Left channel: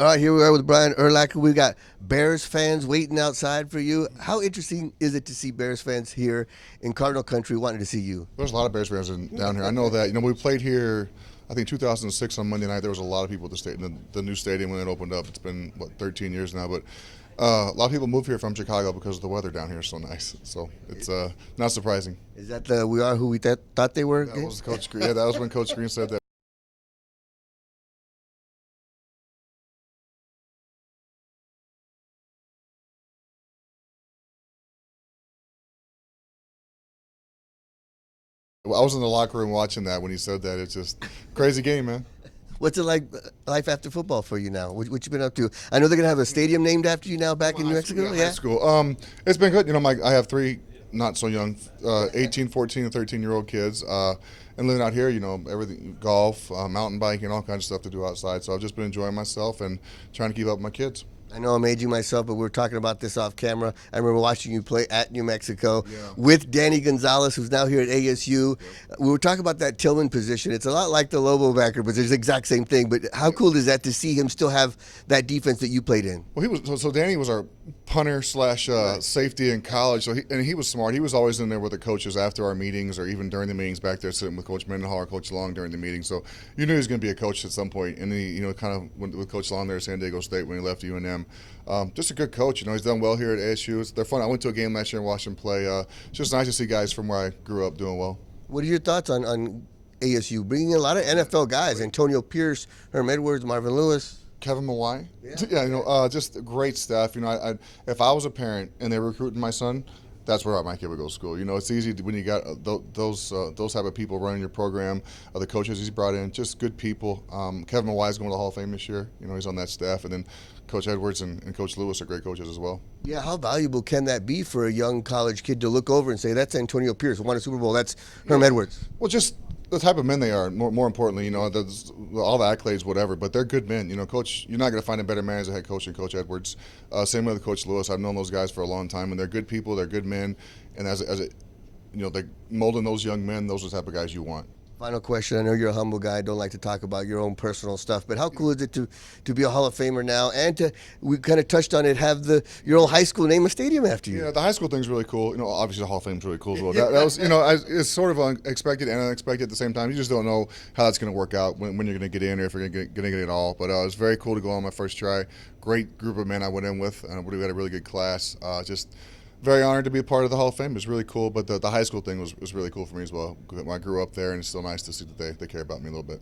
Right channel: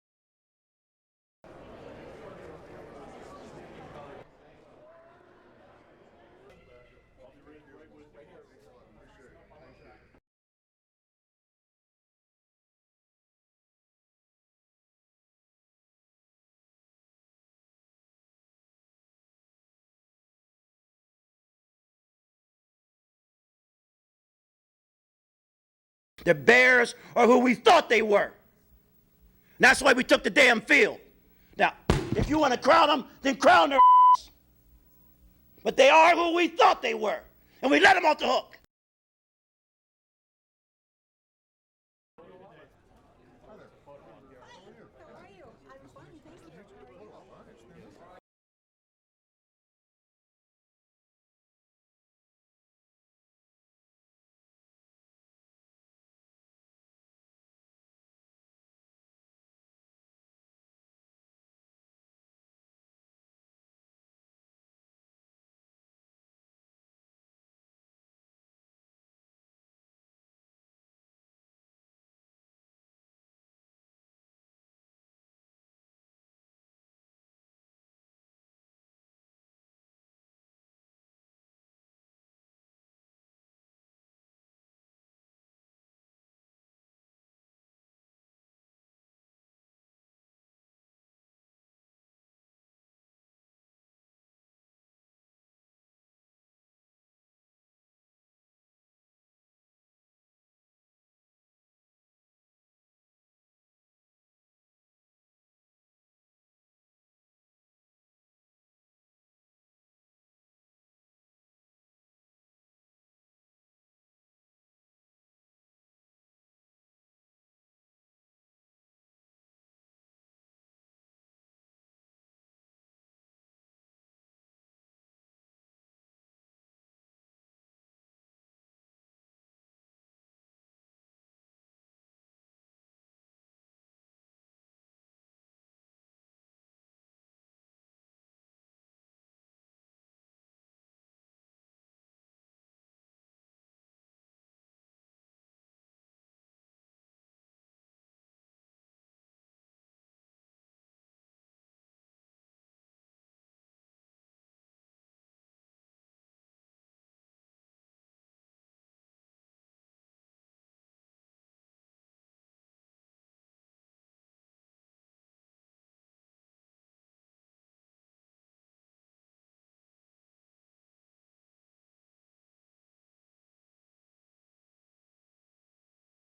All right, here we are with Brian Urlacher. We got Bears fans waiting outside for you. How interesting is it to see Bears fans here in Cardinal Country wanting to see you? There's a lot of Bears fans down here. I know that. We played here, I think 2006 on Monday night. There was a lot of people at the stadium, the new stadium when it opened up. It's been, 13 years now. But a lot of people move here from Chicago because the weather down here is so nice. So it's not surprising. Is that the "We Are Who We Thought They Were"? That was Coach Green. Yeah, that was when Coach Green said that. The Bears are who we thought they were. And that's why we took the damn field. Now, if you want to crown them, then crown their ass. But they are who we thought they were. And we let them off the hook. I was in the locker room watching that when he said that. It's just crazy game, man. What's it like, life after football for you now? What you been up to? I know they're gonna have a stadium named after you now back in New Mexico. Yeah, high school. It's been good. I have three not so young, 18, 14, and 13-year-old kids. And living out here, everything, golf, mountain biking, all kinds of stuff to do outside. So I've just been enjoying myself and trying to keep up with my kids. I know I'm aging myself, but we were talking about this off camera. I remember watching you play at New Mexico with Danny Gonzalez, who's now here at ASU. We were talking about that Tillman position. It's a lot like the Lobo backer position. It's the exact same thing. But how cool is that to see him still have that defense that you played in? Well, so Danny was our punter slash safety in college. So he was smart. He was always in there with the coaches after our meetings or even during the meetings back there sitting with Coach Mendenhall or Coach Long during the meeting. So you knew he was going to be a coach at some point. And he, kind of went with Coach Long there at San Diego State when he left UNM. Just a good coach. He's done well here at ASU. They're fun. I went to a game last year and watched him play. It's just nice to see guys from where I grew up doing well. What are your thoughts on ASU bringing in a lot of NFL guys? Antonio Pierce, Herm Edwards, Marvin Lewis. Kevin Mawai. Yeah, just great stuff. If I was a parent and they were recruiting my son, that's where my kid would go to school. It's easy when you got those type of people running your program. The coaches he's brought in, just good people. Kevin Mawai is going to the Hall of Fame this year. He's on that staff, and then Coach Edwards and Coach Lewis are great coaches as well. Yeah, how valuable can that be for a young college kid to look over and say, that's Antonio Pierce, won a Super Bowl, that's Herm Edwards? Well, just the type of men they are. More importantly, all the accolades, whatever. But they're good men. Coach, you're not going to find a better man as a head coach than Coach Edwards. Same with Coach Lewis. I've known those guys for a long time, and they're good people. They're good men, and they're molding those young men. Those are the type of guys you want. Final question. I know you're a humble guy. Don't like to talk about your own personal stuff, but how cool is it to be a Hall of Famer now, and we kind of touched on it, have your old high school name a stadium after you? Yeah, the high school thing's really cool. Obviously the Hall of Fame's really cool as well. That was, it's sort of unexpected and unexpected at the same time. You just don't know how that's going to work out when you're going to get in or if you're going to get it all. But it was very cool to go on my first try. Great group of men I went in with. We had a really good class. Just very honored to be a part of the Hall of Fame. It was really cool, but the high school thing was really cool for me as well. I grew up there, and it's still nice to see that they care about me a little bit.